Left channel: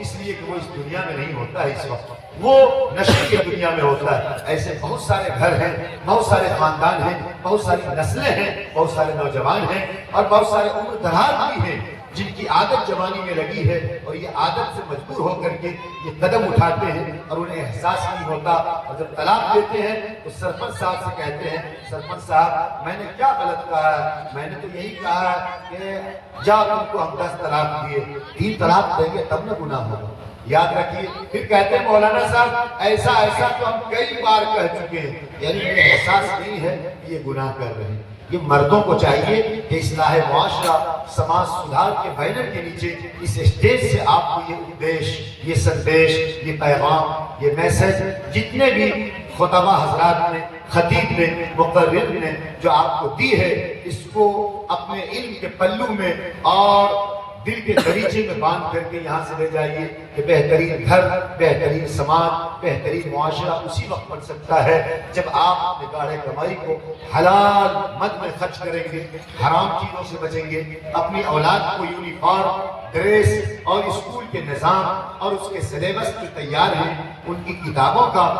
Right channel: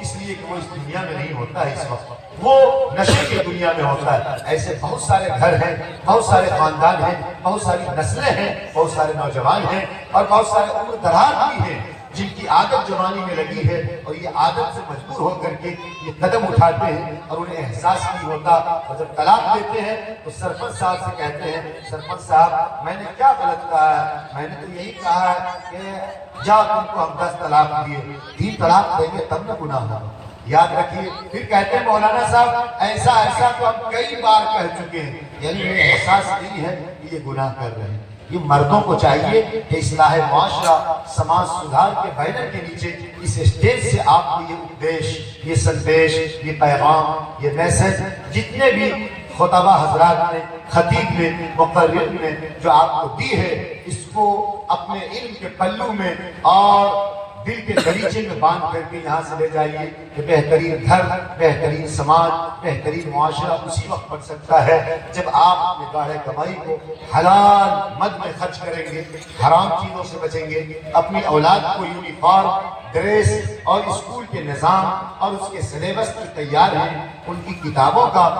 اس لیے کہ وہ اس دنیا میں نہیں ہوتا ہے، اس وقت وہ نشے کی دنیا میں ہوتا ہے۔ ایسے بہت سارے گھر ہیں، بہت سارے خاندان ہیں، بہت ساری نسلیں ہیں، بہت سارے نوجوان ہیں اور بہت سارے عمر دراز بھی ہیں جن کی عادت جوانی میں لگی ہے اور یہ عادت سے مجبور ہو کر کے یہ قدم اٹھاتے ہیں اور انہیں احساس نہیں ہوتا، اور جب طلاق دیتے ہیں تو سرپنچ صاحب سے کہتے ہیں سرپنچ صاحب میں نے کیا غلط کہا ہے، میں نے تو یہی کہا ہے کہ جاؤ تم کو ہم 10 طلاق دیے، 3 طلاق دیں گے تب نہ گناہ ہوگا۔ یاد رکھیے، پھر کہتے ہیں مولانا صاحب ایسا تو ہم کئی بار کہہ چکے ہیں، یعنی انہیں احساس نہیں ہے کہ یہ گناہ کر رہے ہیں۔ یہ مردوں کو چاہیے کہ اصلاح معاشرہ سماج سدھار کے بینر کے نیچے اس اسٹیج سے آپ کو یہ اپدیش، یہ سندیش، یہ پیغام، یہ میسج جتنے بھی خطبہ حضرات نے، خطیب نے، مقرر نے جو آپ کو دی ہے، اس کو اپنے علم کے پلو میں اور دل کے دریچے میں باندھ کر کے یہاں سے لے جائیے کہ بہترین گھر، بہترین سماج، بہترین معاشرہ اسی وقت بن سکتا ہے جب آپ اپنے گاڑے کمائی کو حلال مد میں خرچ کریں گے، حرام چیزوں سے بچیں گے، اپنی اولاد کو یونیفارم، ڈریس اور اسکول کے نظام اور اس کے سلیبس جو تیار ہیں ان کی کتابوں کا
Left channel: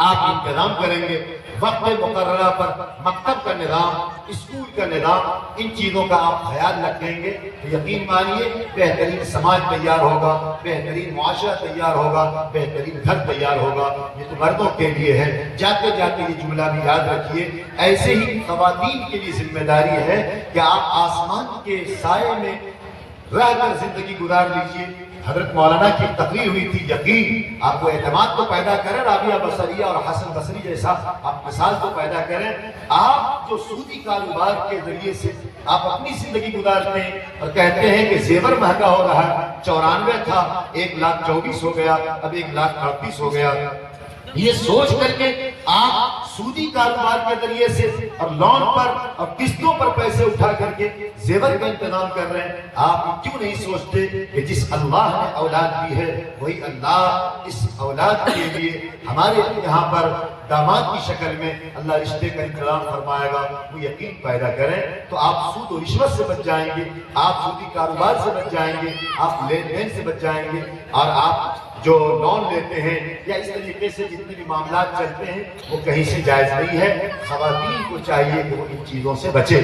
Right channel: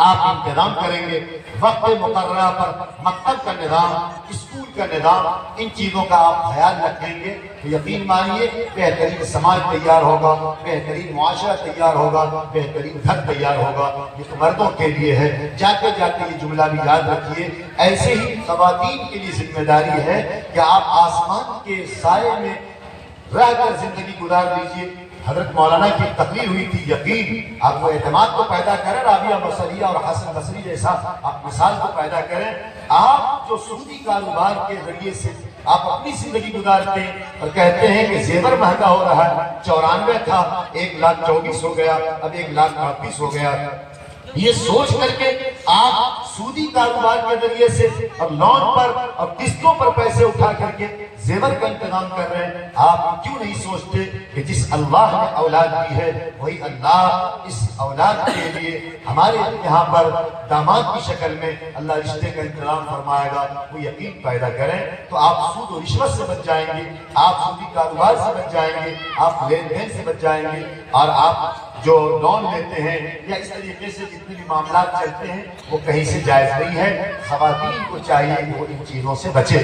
آپ انتظام کریں گے، وقت مقررہ پر مکتب کا نظام، اسکول کا نظام، ان چیزوں کا آپ خیال رکھیں گے تو یقین مانیے بہترین سماج تیار ہوگا، بہترین معاشرہ تیار ہوگا، بہترین گھر تیار ہوگا۔ یہ تو مردوں کے لیے ہے، جاتے جاتے یہ جملہ بھی یاد رکھیے، ایسے ہی خواتین کے لیے ذمہ داری ہے کہ آپ آسمان کے سائے میں رہ کر زندگی گزار لیجئے۔ حضرت مولانا کی تقریر ہوئی تھی، یقین آپ کو اعتماد تو پیدا کریں، رابعہ بصریہ اور حسن بصری جیسا آپ مثال تو پیدا کریں۔ آپ جو سودی کاروبار کے ذریعے سے آپ اپنی زندگی گزارتے ہیں اور کہتے ہیں کہ زیور مہنگا ہو رہا ہے، 94 تھا 1,24,000 ہو گیا، اب 1,38,000 ہو گیا، یہ سوچ کر کے آپ سودی کاروبار کے ذریعے سے اور لون پر اور قسطوں پر پیسے اٹھا کر کے زیور کا انتظام کر رہے ہیں۔ آپ کیوں نہیں سوچتے کہ جس اللہ نے اولاد دی ہے وہی اللہ اس اولاد کے لیے ہمارے یہاں پر داماد کی شکل میں اللہ رشتے کا انتظام فرمائے گا۔ وہ یقین پیدا کریں تو آپ سود و رشوت سے بچ جائیں گے، آپ سودی کاروبار سے بچ جائیں گے، آپ لین دین سے بچ جائیں گے، اور آپ جو لون لیتے ہیں یا اس طریقے سے جتنے بھی معاملات چلتے ہیں وہ کہیں سے جائز نہیں ہے۔ خواتین کو چاہیے کہ وہ ان چیزوں سے بچے،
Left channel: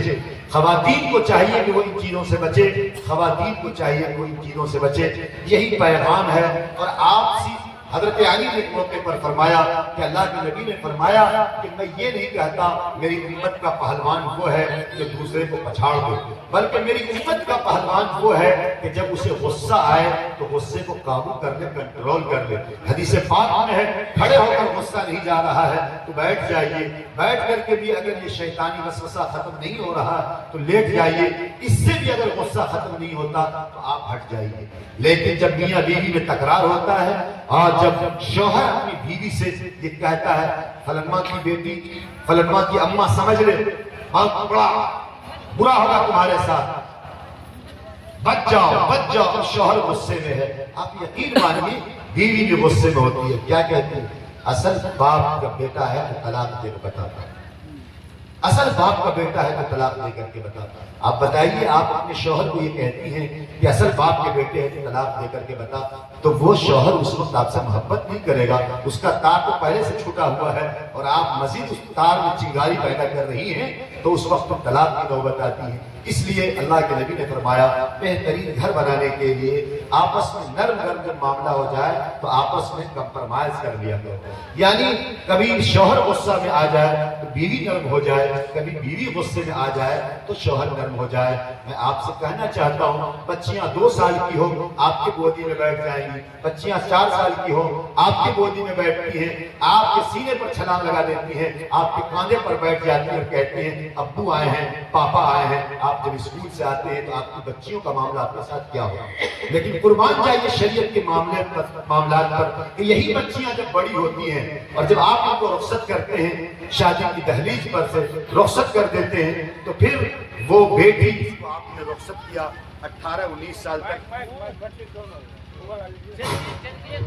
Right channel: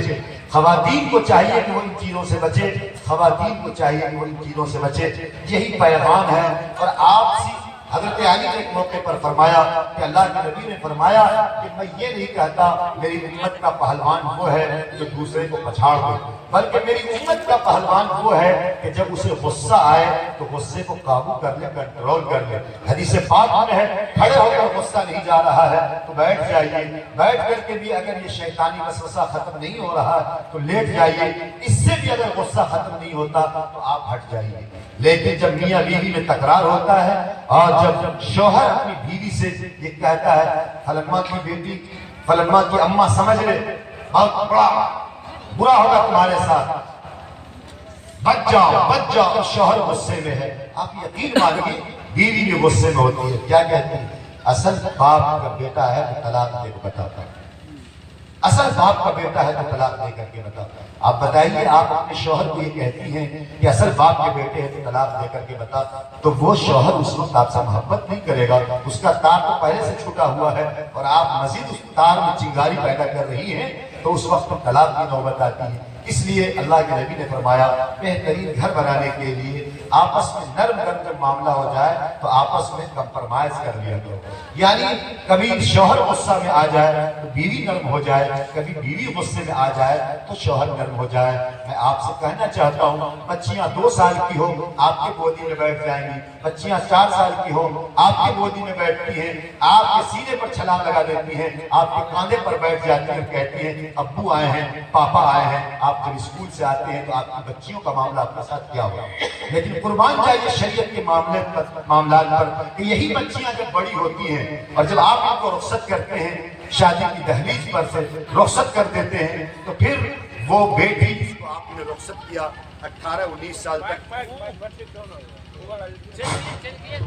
خواتین کو چاہیے کہ وہ ان چیزوں سے بچے، خواتین کو چاہیے کہ وہ ان چیزوں سے بچے۔ یہی پیغام ہے۔ اور آپ سے حضرت علی نے ایک موقع پر فرمایا کہ اللہ کے نبی نے فرمایا کہ میں یہ نہیں کہتا میری امت کا پہلوان وہ ہے جو دوسرے کو پچھاڑ دے، بلکہ میری امت کا پہلوان وہ ہے کہ جب اسے غصہ آئے تو غصے کو قابو کر لے، کنٹرول کر لے۔ حدیث پاک میں ہے کھڑے ہو کر غصہ نہیں جا رہا ہے تو بیٹھ جائیے، بیٹھ کر کے بھی اگر یہ شیطانی وسوسہ ختم نہیں ہو رہا تو لیٹ جائیے، اس سے بھی اگر غصہ ختم نہیں ہوتا تو آپ ہٹ جائیے۔ لیکن جب میاں بیوی میں تکرار ہوتا ہے اور جب شوہر اپنی بیوی سے یہ کہتا ہے فلانواں کی بیٹی، فلانواں کی اماں سمجھ لے بہت بڑا برا ہوگا تمہارے ساتھ، بچ جاؤ، شوہر غصے میں ہے، آپ یقین مانیے بیوی بھی غصے میں ہوتی ہے، کیا کہتی ہے اصل باپ کا بیٹا ہے تو طلاق دے کے بتاتا ہے، اصل باپ کا بیٹا ہے تو طلاق دے کر کے بتاتا ہے۔ آپ بتائیے آپ اپنے شوہر کو یہ کہتی ہیں کہ اصل باپ کے بیٹے ہیں تو طلاق دے کر کے بتا، تو وہ شوہر اس وقت آپ سے محبت نہیں کرے گا، اس کا تار تو پہلے سے چھوٹا ہوا ہے اور آپ مزید اس تار میں چنگاری پیدا کر رہی ہیں تو اس وقت طلاق کی نوبت آتی ہے۔ اس لیے اللہ کے نبی نے فرمایا بہترین گھر بنانے کے لیے آپس میں نرم جب معاملہ ہو جائے تو آپس میں کمپرمائز کر لیا کرو، یعنی کبھی شوہر غصہ میں آ جائے تو بیوی نرم ہو جائے، کبھی بیوی غصے میں آ جائے تو شوہر نرم ہو جائے۔ میں آپ سے کہنا چاہتا ہوں بچیاں 2 سال کی ہو آپ کے گودی میں بیٹھ جائیں گی، بچیاں 4 سال کی ہو آپ کے گودی میں بیٹھتی ہیں، آپ کے سینے پر چھلانگ لگا دیتی ہیں، آپ کے کاندھے پر بیٹھ جاتی ہیں اور کہتی ہیں ابو آئے ہیں، پاپا آئے ہیں۔ آپ جب اسکول سے آتے ہیں تو آپ کی بچیوں کا معاملہ آپ کے ساتھ کیا ہوگا؟ لیکن قربان جائیے شریعت کے معاملات پر کہ یہی بچیاں جب بڑی ہوتی ہیں اور جب آپ ان کو رخصت کرتے ہیں شادی کی دہلیز پر سے رخصت کر دیتے ہیں تو پھر وہ بیٹی جس کو آپ نے رخصت کیا 18-19 سال تک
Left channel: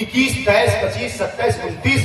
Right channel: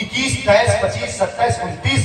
21, 23, 25, 27, 29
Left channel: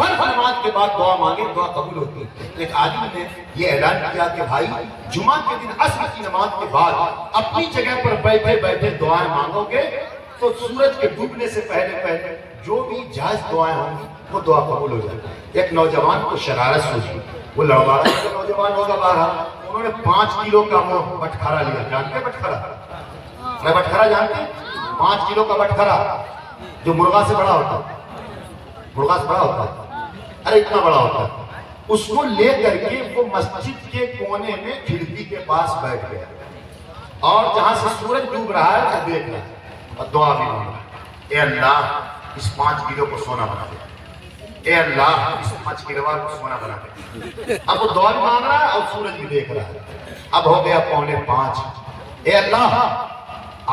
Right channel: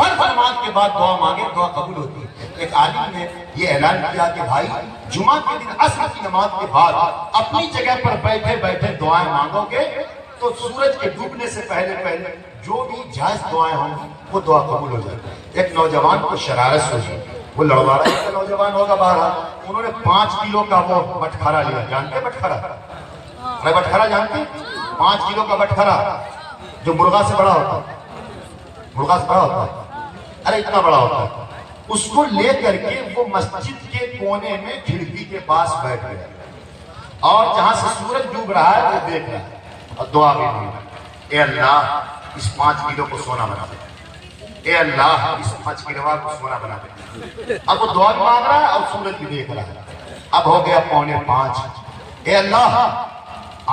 فرض نماز کے بعد دعا مانگے دعا قبول ہوتی ہے۔ ایک عالم نے یہ اعلان کیا کہ بھائی جمعہ کے دن عصر کی نماز کے بعد اپنی جگہ پر بیٹھے بیٹھے دعائیں مانگو گے تو سورج کے ڈوبنے سے پہلے جو بھی جائز دعائیں ہوں گی وہ دعا قبول ہو جائے گی۔ ایک نوجوان کو شرارت ہوئی، وہ لڑواڑا نوجوان ہوگا باہر، انہوں نے 5 کلو کا وہ بٹخرا لیا۔ جانتے ہیں بٹخرا؟ میں بٹخرا جانتے ہیں؟ 5 کلو کا بٹخرا جو مرغا سے بڑا ہوتا ہے، مرغا سے بڑا ہوتا ہے، ارے اتنا بڑا ہوتا ہے، اس کو لے کر کے وہ مسجد کے کونے میں کھڑکی کے پاس بیٹھ گیا اور جہاں سے سورج ڈوب رہا ہے وہ دیکھ رہا ہے اور دعا بھی مانگ رہا ہے، اے اللہ اس 5 کلو کو سونا بنا دے، اے اللہ اس 5 کلو کو سونا بنا دے۔ اب وہ دعا بھی مانگ رہا ہے اور سورج بھی دیکھ رہا ہے۔ اب ہو گیا 4:45، اے اللہ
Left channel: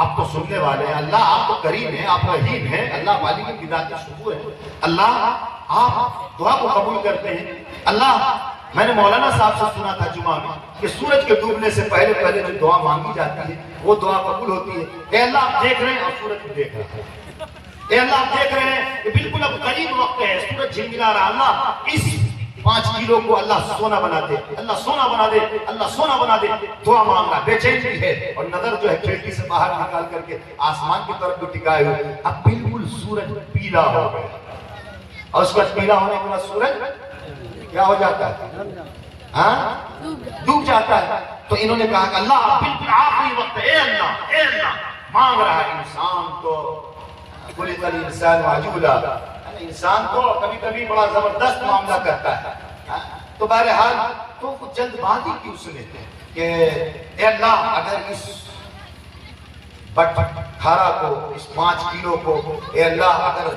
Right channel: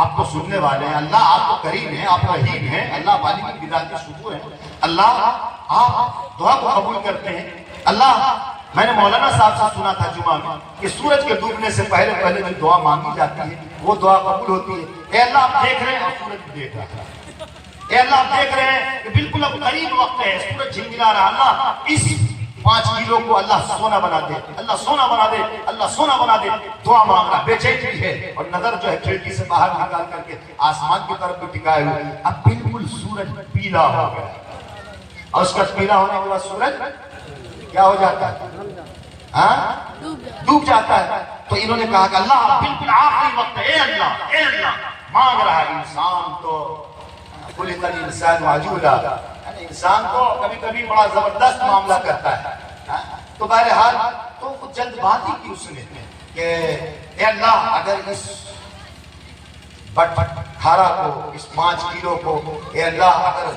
آپ تو سننے والے ہیں، اللہ آپ تو کریم ہیں، آپ رحیم ہیں، اللہ والی کی ذات کا شکر ہے، اللہ آپ دعا کو قبول کرتے ہیں۔ اللہ میں نے مولانا صاحب سے سنا تھا جمعہ میں کہ سورج کے ڈوبنے سے پہلے جو دعا مانگی جاتی ہے وہ دعا قبول ہوتی ہے۔ اے اللہ آپ دیکھ رہے ہیں اور سورج بھی دیکھ رہا ہے، اے اللہ آپ دیکھ رہے ہیں کہ بالکل اب قریب وقت ہے، سورج جھلملا رہا، اللہ اس 5 کلو کو اللہ سونا بنا دے، اللہ سونا بنا دے، اللہ سونا بنا دے۔ دعا مانگنا بے چین بھی ہے اور نظر جو ہے کھڑکی سے باہر نکال کر کے آسمان کی طرف بھی ٹکائے ہوئے، اب بالکل سورج پیلا ہو گیا اور اس کا پیلا ہونے کے بعد سورج کیا ہو جاتا ہے؟ ڈوب جاتا ہے۔ تو انہوں نے کہا کہ اللہ بالکل آخری وقت ہے، اے اللہ مانگ رہا ہے۔ انسان تو خلق الانسان عجولا، انسان تو کبھی کبھی بڑا زبردست معاملہ کرتا ہے۔ تو بہرحال تو جلد بازی کی اس نے کہ اے اللہ اگر اس بٹخرا کو، اس 5 کلو کو اے اللہ اگر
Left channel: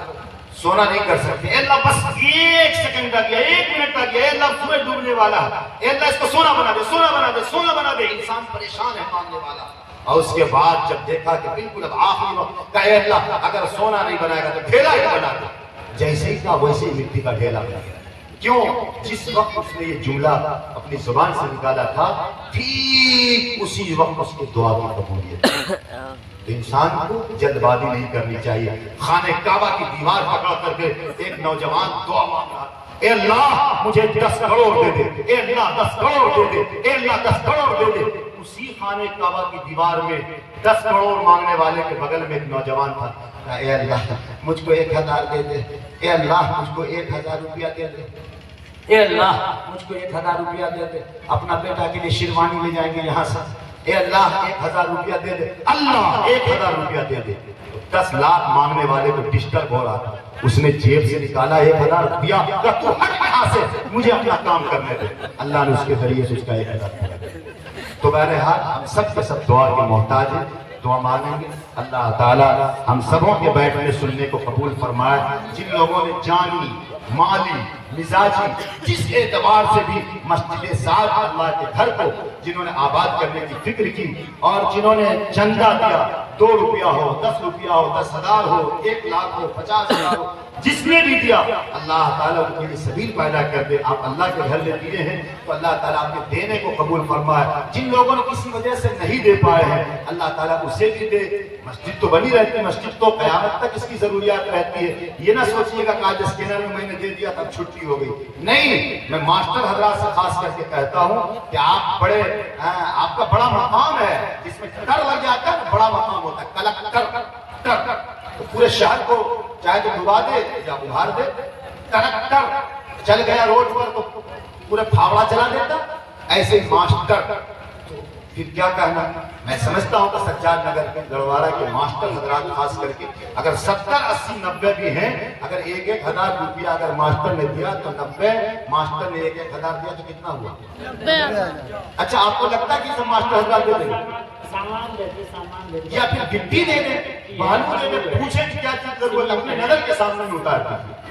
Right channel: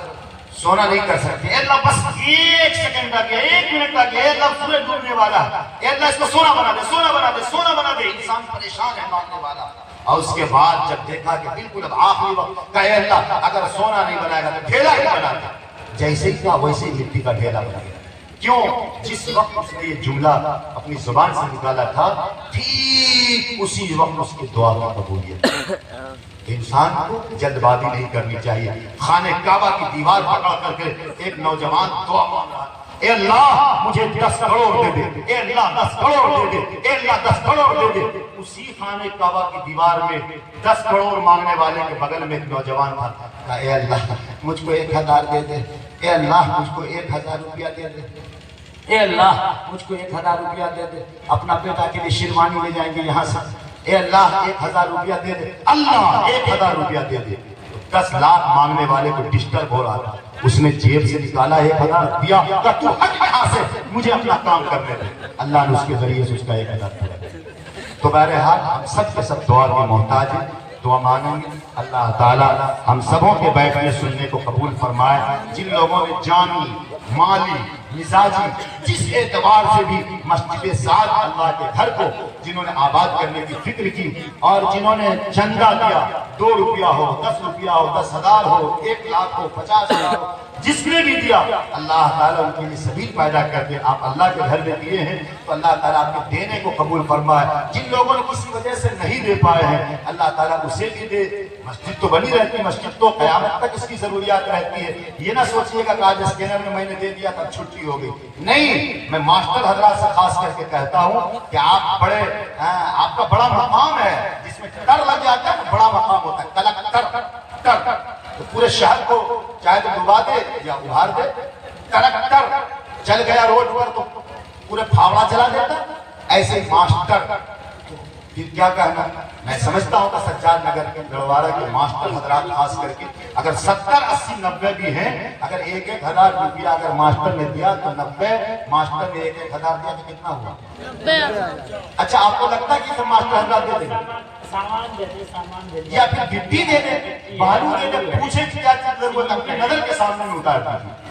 سونا نہیں کر سکتے، اے اللہ بس 1 سیکنڈ آ گیا، 1 منٹ آ گیا، اے اللہ سورج ڈوبنے والا ہے، اے اللہ اس کو سونا بنا دے، سونا بنا دے، سونا بنا دے۔ انسان پریشان ہے مانگنے والا، اور اس کے بعد جب دیکھا کہ بالکل اب آخری وقت کا، اے اللہ اگر سونا نہیں بنائے گا تو ڈھیلا ہی بنا دے۔ جیسے ہی تھا ویسے ہی مٹی کا ڈھیلا بنا گیا۔ کیوں؟ جس وقت اس نے یہ جملہ اپنی زبان سے نکالا تھا ٹھیک اسی وقت اس کی دعا کا قبولیت۔ انسان کو جلد بازی نہیں کرنی چاہیے۔ خانہ کعبہ کی دیوار پکڑ کر کے ایک نوجوان دعا مانگ رہا، اے اللہ مجھے 10 کروڑ دے دے، اے اللہ 10 کروڑ دے دے، اے اللہ 10 کروڑ دے دے۔ اسی خانہ کعبہ کی دیوار میں 10 کروڑ مانگنے والے کے بغل میں ایک نوجوان تھا، کہا اے اللہ مجھ کو 1000 دے دے، اے اللہ مجھ کو 1000 روپیہ دے دے، اے اللہ مجھ کو 1000 روپیہ دے دے، اپنا بیٹا کے لیے شیروانی لے جائیں گے یہاں سے، اے اللہ 1000 روپیہ دے دے، اللہ 1000 روپیہ دے دے۔ 10 لاکھ مانگنے والے کو ڈسٹرب ہو رہا تھا، اس نے جیب سے نکالا 1000 روپیہ، کہا تو ہٹ یہاں سے، مجھے اپنا کام کرنے دے۔ اللہ نے اس کے ذریعے سے اس کا 1000 دیا۔ تو بہرحال ہم سب کے سب دعا کے محتاج ہیں، دعا مانگیں گے۔ اللہ تعالی ہم سبوں کے بیٹھنے سننے کو قبول فرمائے۔ جن لوگوں نے جانی، مالی، مزاجی جس اعتبار سے بھی مسجد سعد اللہ کے گھر کو جنہوں نے آباد کرنے کی فکر کی، اور جنہوں نے چندہ دیا، 2 روپیہ ہو، 10 روپیہ ہو، 10,000 ہو، 1 لاکھ ہو، 50,000 ہو، جس نے بھی دیا، اللہ تعالیٰ ان کے لیے سبیل پیدا کر دے۔ آپ اللہ کے گھر میں دیے ہیں تو اللہ تعالیٰ آپ کے دینے کو قبول فرمائے۔ جن لوگوں نے کسی وجہ سے نہیں دے پائے ہیں اللہ تعالیٰ اسے بھی دے۔ مسجد تو بنی رہتی ہے، مسجد تو قیامت تک اس کی ضروریات رہتی ہے۔ یہ نہ سوچئے گا کہ آج اسکینر میں نے دے دیا تب چھٹی ہو گئی، نہیں۔ میں ماسٹر حضرات سے خاص کر کے کہتا ہوں کہ آپ آپ کا بڑا مقام ہے، جس میں ٹر لگ جاتا ہے بڑا مقام ہوتا ہے، کلکٹر۔ تو پورے شہر کو چاہے تو ڈبا دے یا ابھار دے، کلکٹر چل گیا روڈ پر تو پورے پھاوڑا چلا دیتا، ایسے ماسٹر پھر کیا کہنا۔ میں سمجھتا ہوں کہ سجاد نگر کے گڑوارہ کے ماسٹر حضرات خاص کر کے اگر 70، 80، 90 بھی ہیں، اگر 1,000 روپیہ اگر ماسٹر نے دیا تو 90 ماسٹر نے 1,000 دیا تو کتنا ہوا؟ 90۔ اچھا آپ کو لگتا ہے کہ سب ماسٹر حضرات دے دیں یا پھر گٹی دے دیں، بالو دے دیں، پوچھیں کیا چیز ضرورت اپنی نظر کے سامنے میں اتار دیجیے۔